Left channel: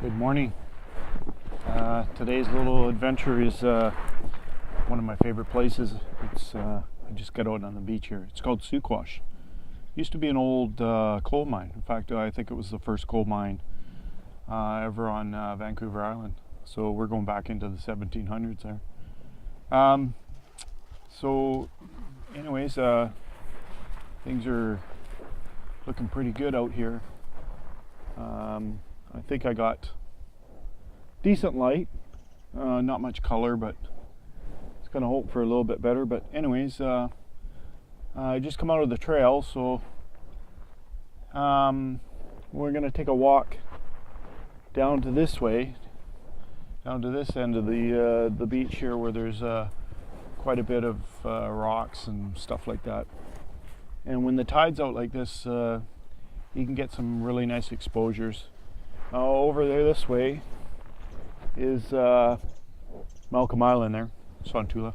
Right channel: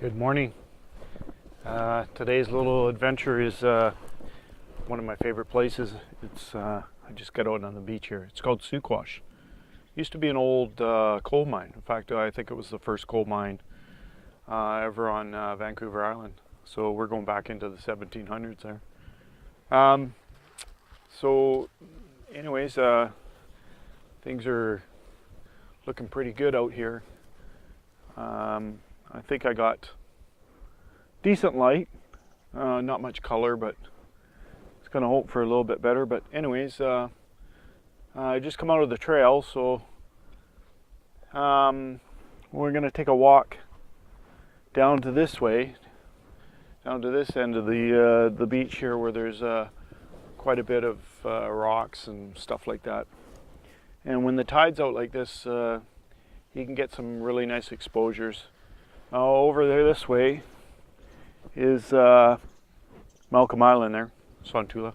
Good morning. Today's little adventure is one of my favorite places. I just got out on the beach here. It's called Suquash. Used to be an old coal mine. In fact, I think it was the first coal mine ever on Vancouver Island. So we're going back into the 1700s there. So anyways, things are looking pretty good out here. I think I got decent light, not much color, but it's gonna hope for a little bit better. But anyways, I just come out of the trail, so we're gonna take a walk down to this way, down to this end of the beach here, where there's quite a bit of rocks and stuff like that. And when the tide's out like this, you can get some really nice exposures. Over there this way is Malcolm Island there, Sontula.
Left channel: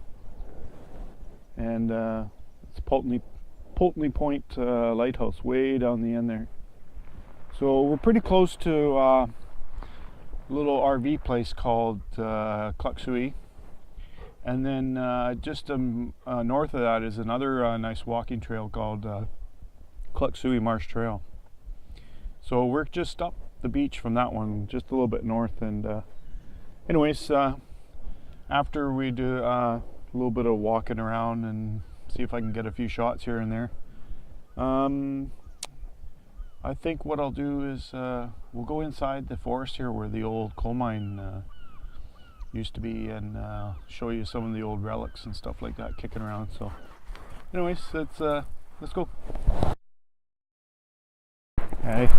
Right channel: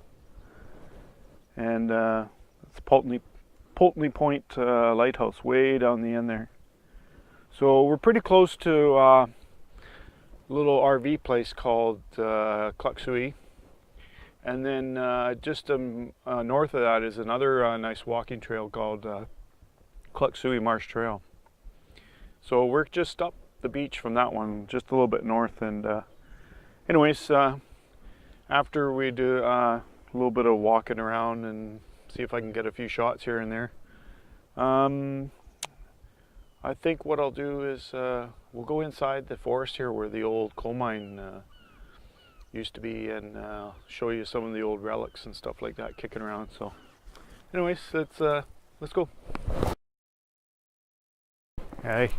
And it's Pulteney Point Lighthouse way down the end there. So we're pretty close to a little RV place called Clucksui. And then just north of that is another nice walking trail called Clucksui Marsh Trail. So we're just up the beach from that one, just a little bit north. And anyways, after we do a little bit of walking around and see if I can get a few shots here and there, I think what I'll do is we'll go inside the forest here where the old coal mine used to be, and show you some of the old relics and stuff like that kicking around. So anyways, let's go. Hey,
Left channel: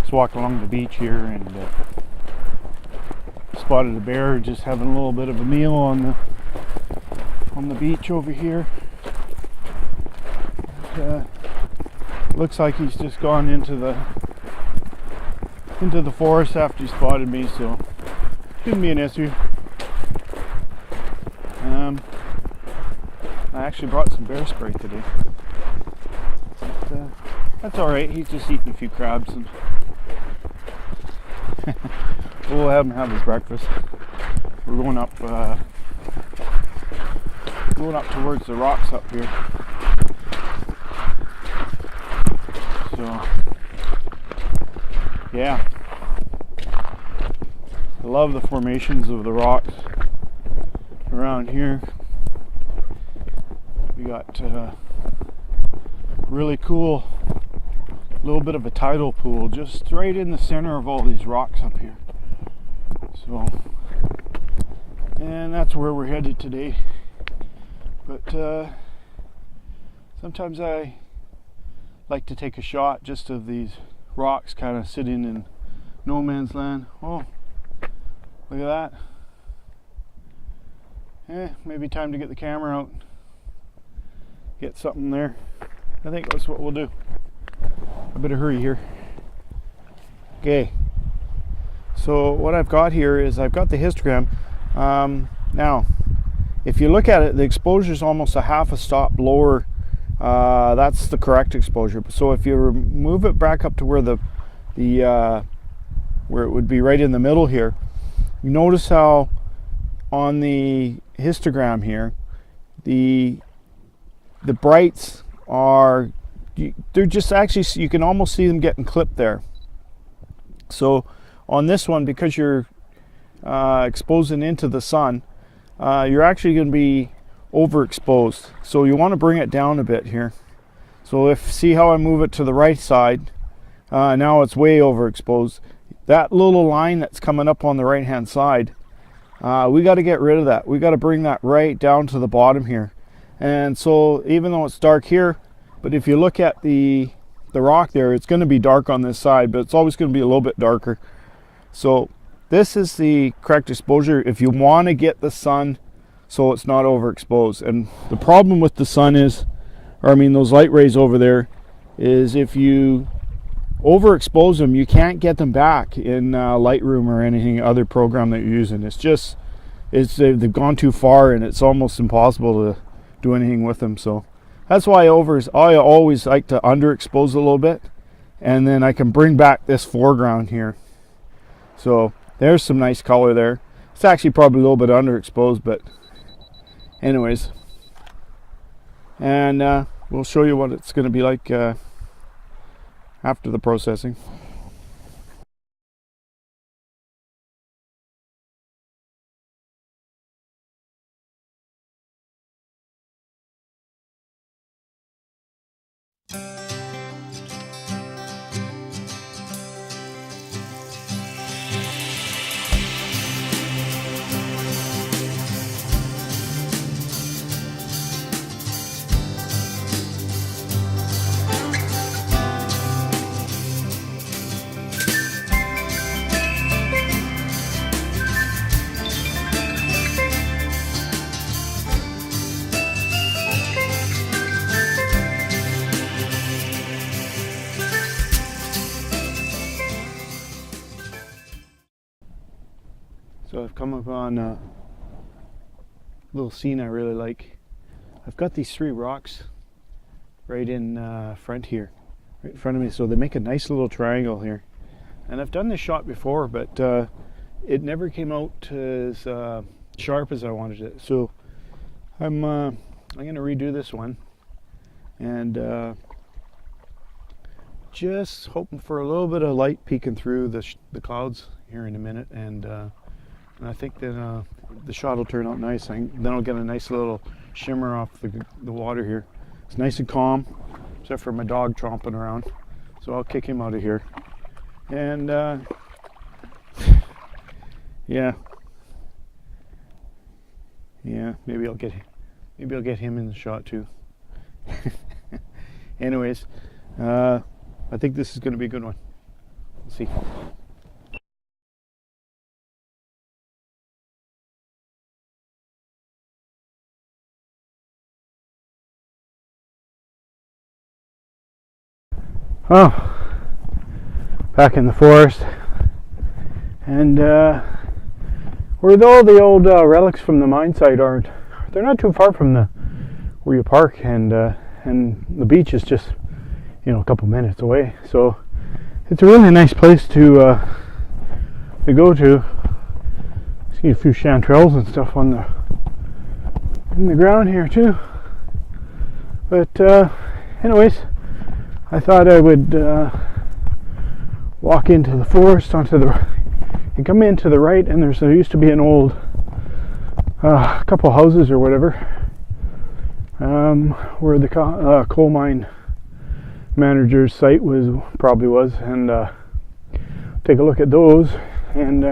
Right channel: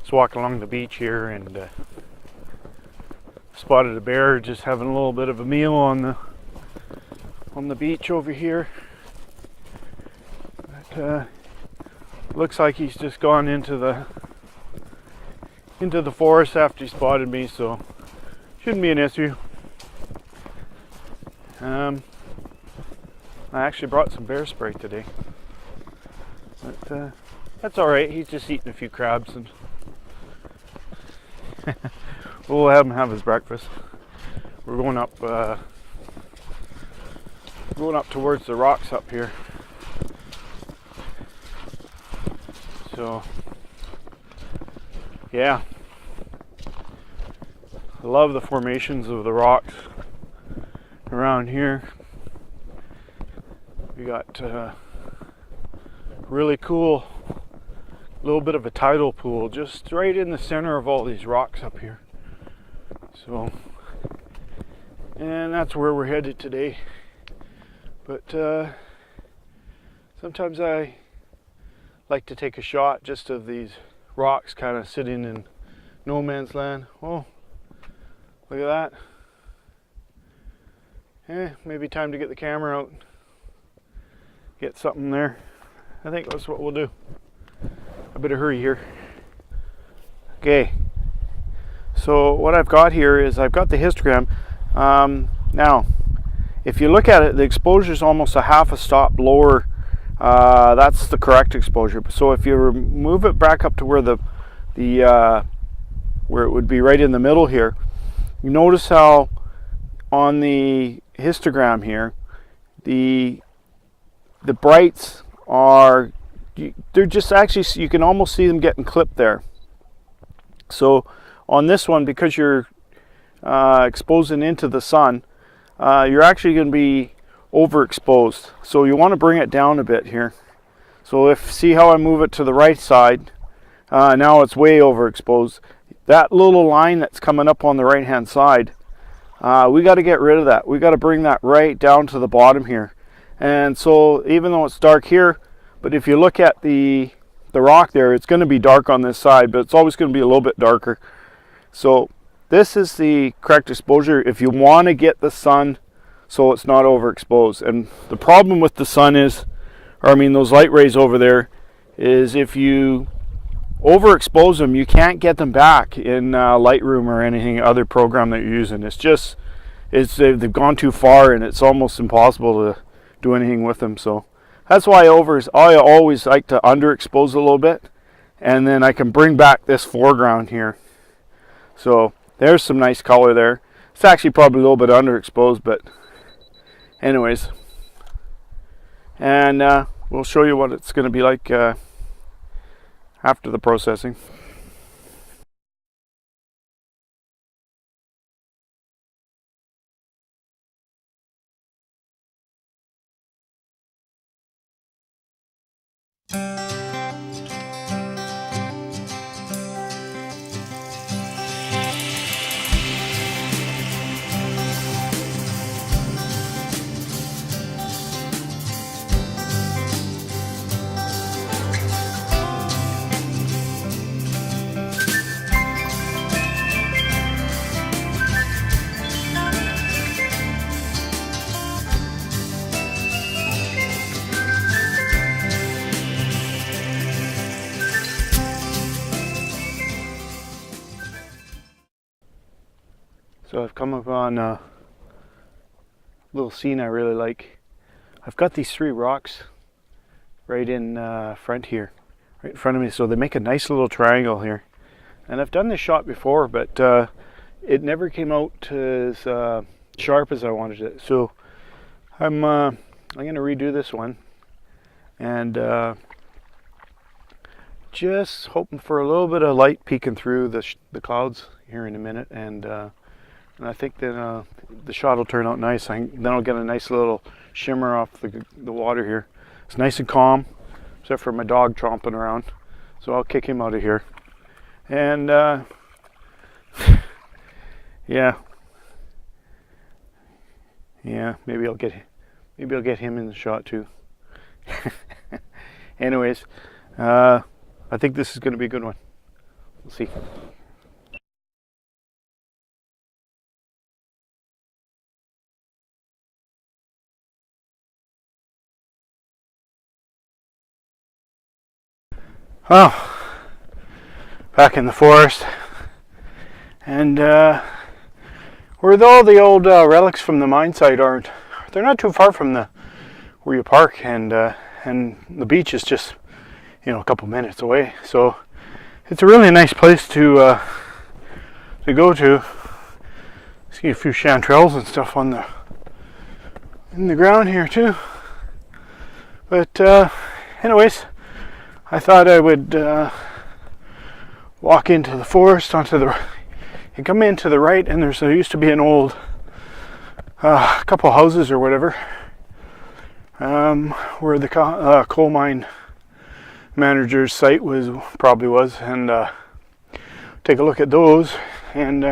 just walking along the beach here, and spotted a bear just having a little bit of a meal on the beach over here. But, looks like he's just gone into the forest after he spotted me, so shouldn't be an issue. I actually brought some bear spray today. But, that's all right. He's just eating a few crabs, and we'll have him have his breakfast. We're going up towards the rocks up here. So yeah, I love the formations of the rocks around here. We got really cool little bit of a tidal pool just right in the center of all these rocks up here. So, and that's where we're headed today. But sometimes I like to take a shot just of these rocks kind of sitting in no man's land. Oh, look at that. Maybe time to get the camera out, get something there. I think that's what we'll do. I better hurry here. Okay, so what I've got here is I've got the histogram. Now if you look at it, the exposure is almost a half a stop lower. That's the correct exposure. So if you move it back up to where where it would be right in the middle here, you notice how on the histogram here the brights are, they're just actually, you can almost see them getting clipped there. So on this one, because you're exposing into the sun, you're actually going to be overexposed. So you want to bring it down a bit here. So see how I move it to the right side, now it's way overexposed. That little line that's coming up on the right hand side, we got to get rid of that. We got to bring that right down to the bottom here. And so even though it's dark here, but if you look at the rock there, it's going to be dark on this side, but it's always going to be a little bit darker. So this is the correct exposure if you want to get the sun so it's not overexposed. And the problem with the sun is, or I mean those light rays over there, is if you overexpose them, you can't get them back in Lightroom or anything other program that you're using. They've gone too far, and it's almost impossible to do anything with them. So that's why I always like to underexpose a little bit, and then I can bring back this foreground here. So there's some nice color there. It's actually probably a little bit underexposed, but anyways. And we'll show you what it's going to be like after the processing. So I've come upon a little scene I really like. I've got these 3 rocks right in front here, right in front of me, so they make a nice little triangle here. And I've done this shot before, but it never came out as sharp as I wanted it. So I'm going to redo this one, and just hoping for a little bit of light peeking through the clouds here in a minute, and I think that the shot will turn out nice. Then I'll get a nice little shimmer off the water here. It's nice and calm, except for my dog tromping around. So I'll kick him out of here. And yeah, maybe I'll get him in the shot too. Anyways, I think this is going to be a good one. We'll see. Oh, back in the forest, and where all the old relics from the mine site are, they're not too far from where you park, and the beach is just a couple minutes away. So it's a really nice place to go to. See a few chanterelles and stuff in the ground here too. But anyways, I thought I would walk into the forest and come in to the right, and there used to be an old couple houses or whatever where the coal mine manager's site probably was, and take a look at those. And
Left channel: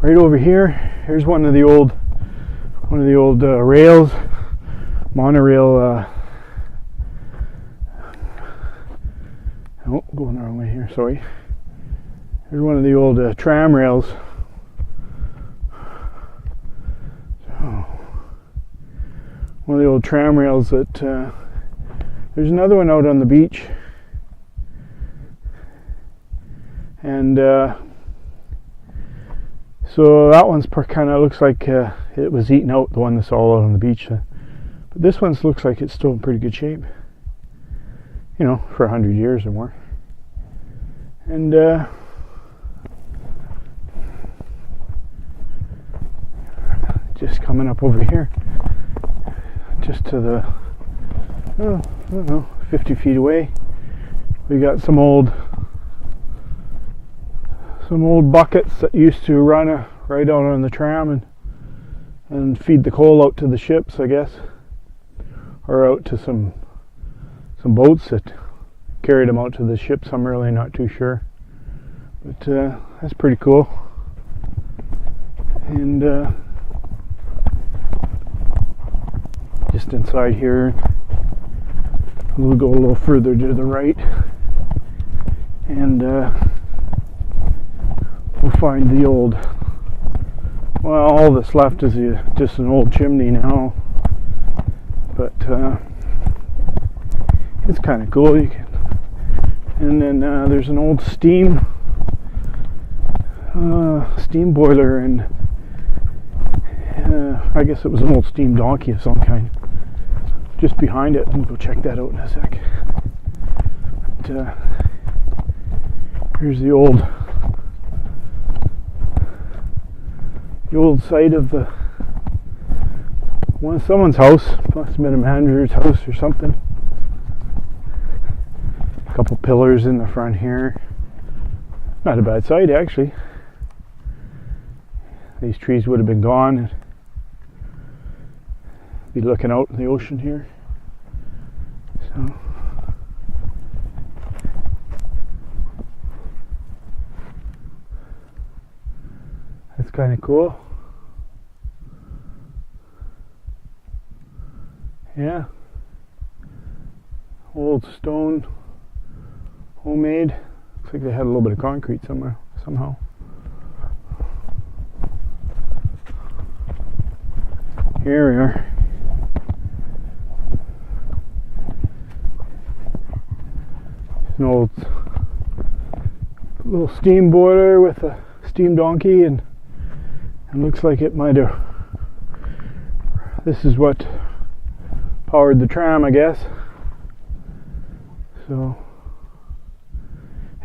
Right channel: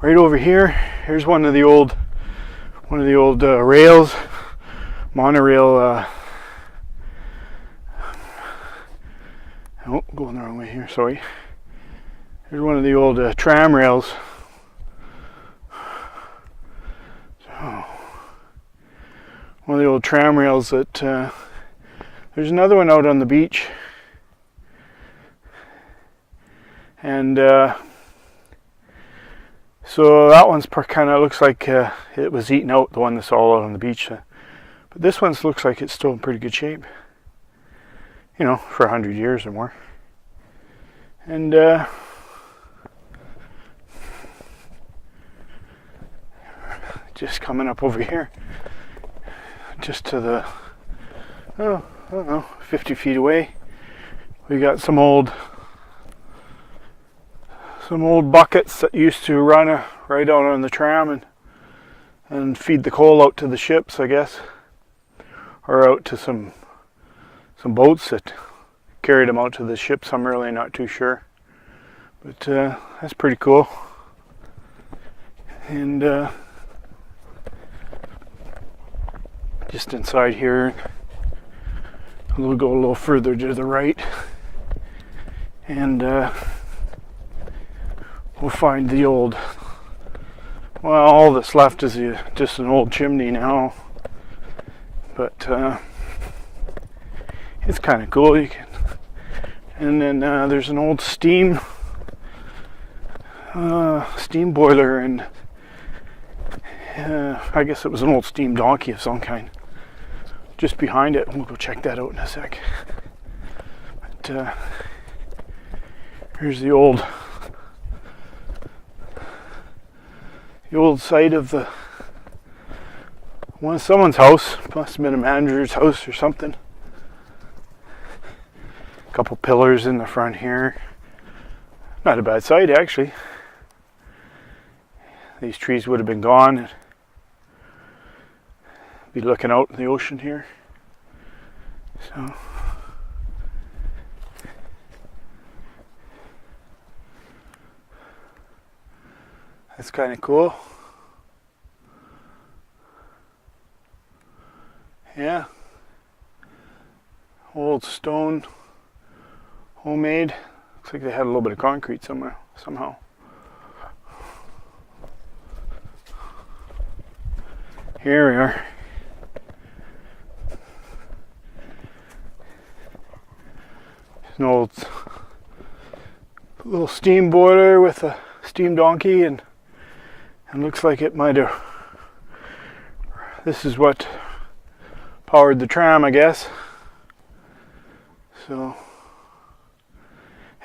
right over here's one of the old rails, monorail. Oh, going the wrong way here, sorry. Here's one of the old tram rails. So, one of the old tram rails that, there's another one out on the beach. And so that one's kind of looks like it was eaten out, the one that's all out on the beach. But this one looks like it's still in pretty good shape. For 100 years or more. And just coming up over here, just to the, I don't know, 50 feet away, we got some old buckets that used to run right out on the tram and feed the coal out to the ships, I guess, or out to some boats that carried them out to the ships. I'm really not too sure, but that's pretty cool. And just inside here, we'll go a little further to the right, and we'll find the old, well, all that's left is just an old chimney now, but it's kind of cool. And then there's an old steam boiler, and I guess it was an old steam donkey of some kind just behind it. We'll go check that out in a sec. But here's the old old site of someone's house. Must have been a manager's house or something. A couple pillars in the front here. Not a bad site, actually. These trees would have been gone and be looking out in the ocean here. So that's kind of cool. Yeah. Old stone, homemade. Looks like they had a little bit of concrete somewhere, somehow. Here we are. An old little steam boiler with a steam donkey, and looks like it might have. This is what powered the tram, I guess. So,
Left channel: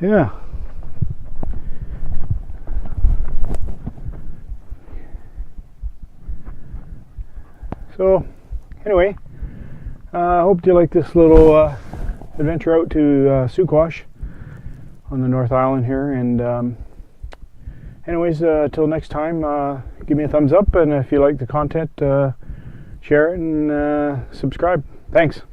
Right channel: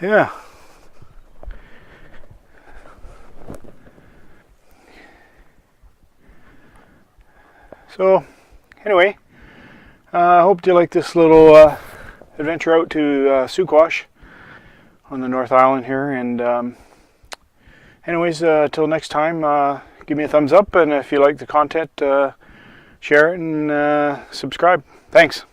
yeah. So, anyway, I hope you like this little adventure out to Suquash on the North Island here. And anyways, till next time, give me a thumbs up, and if you like the content, share it and subscribe. Thanks.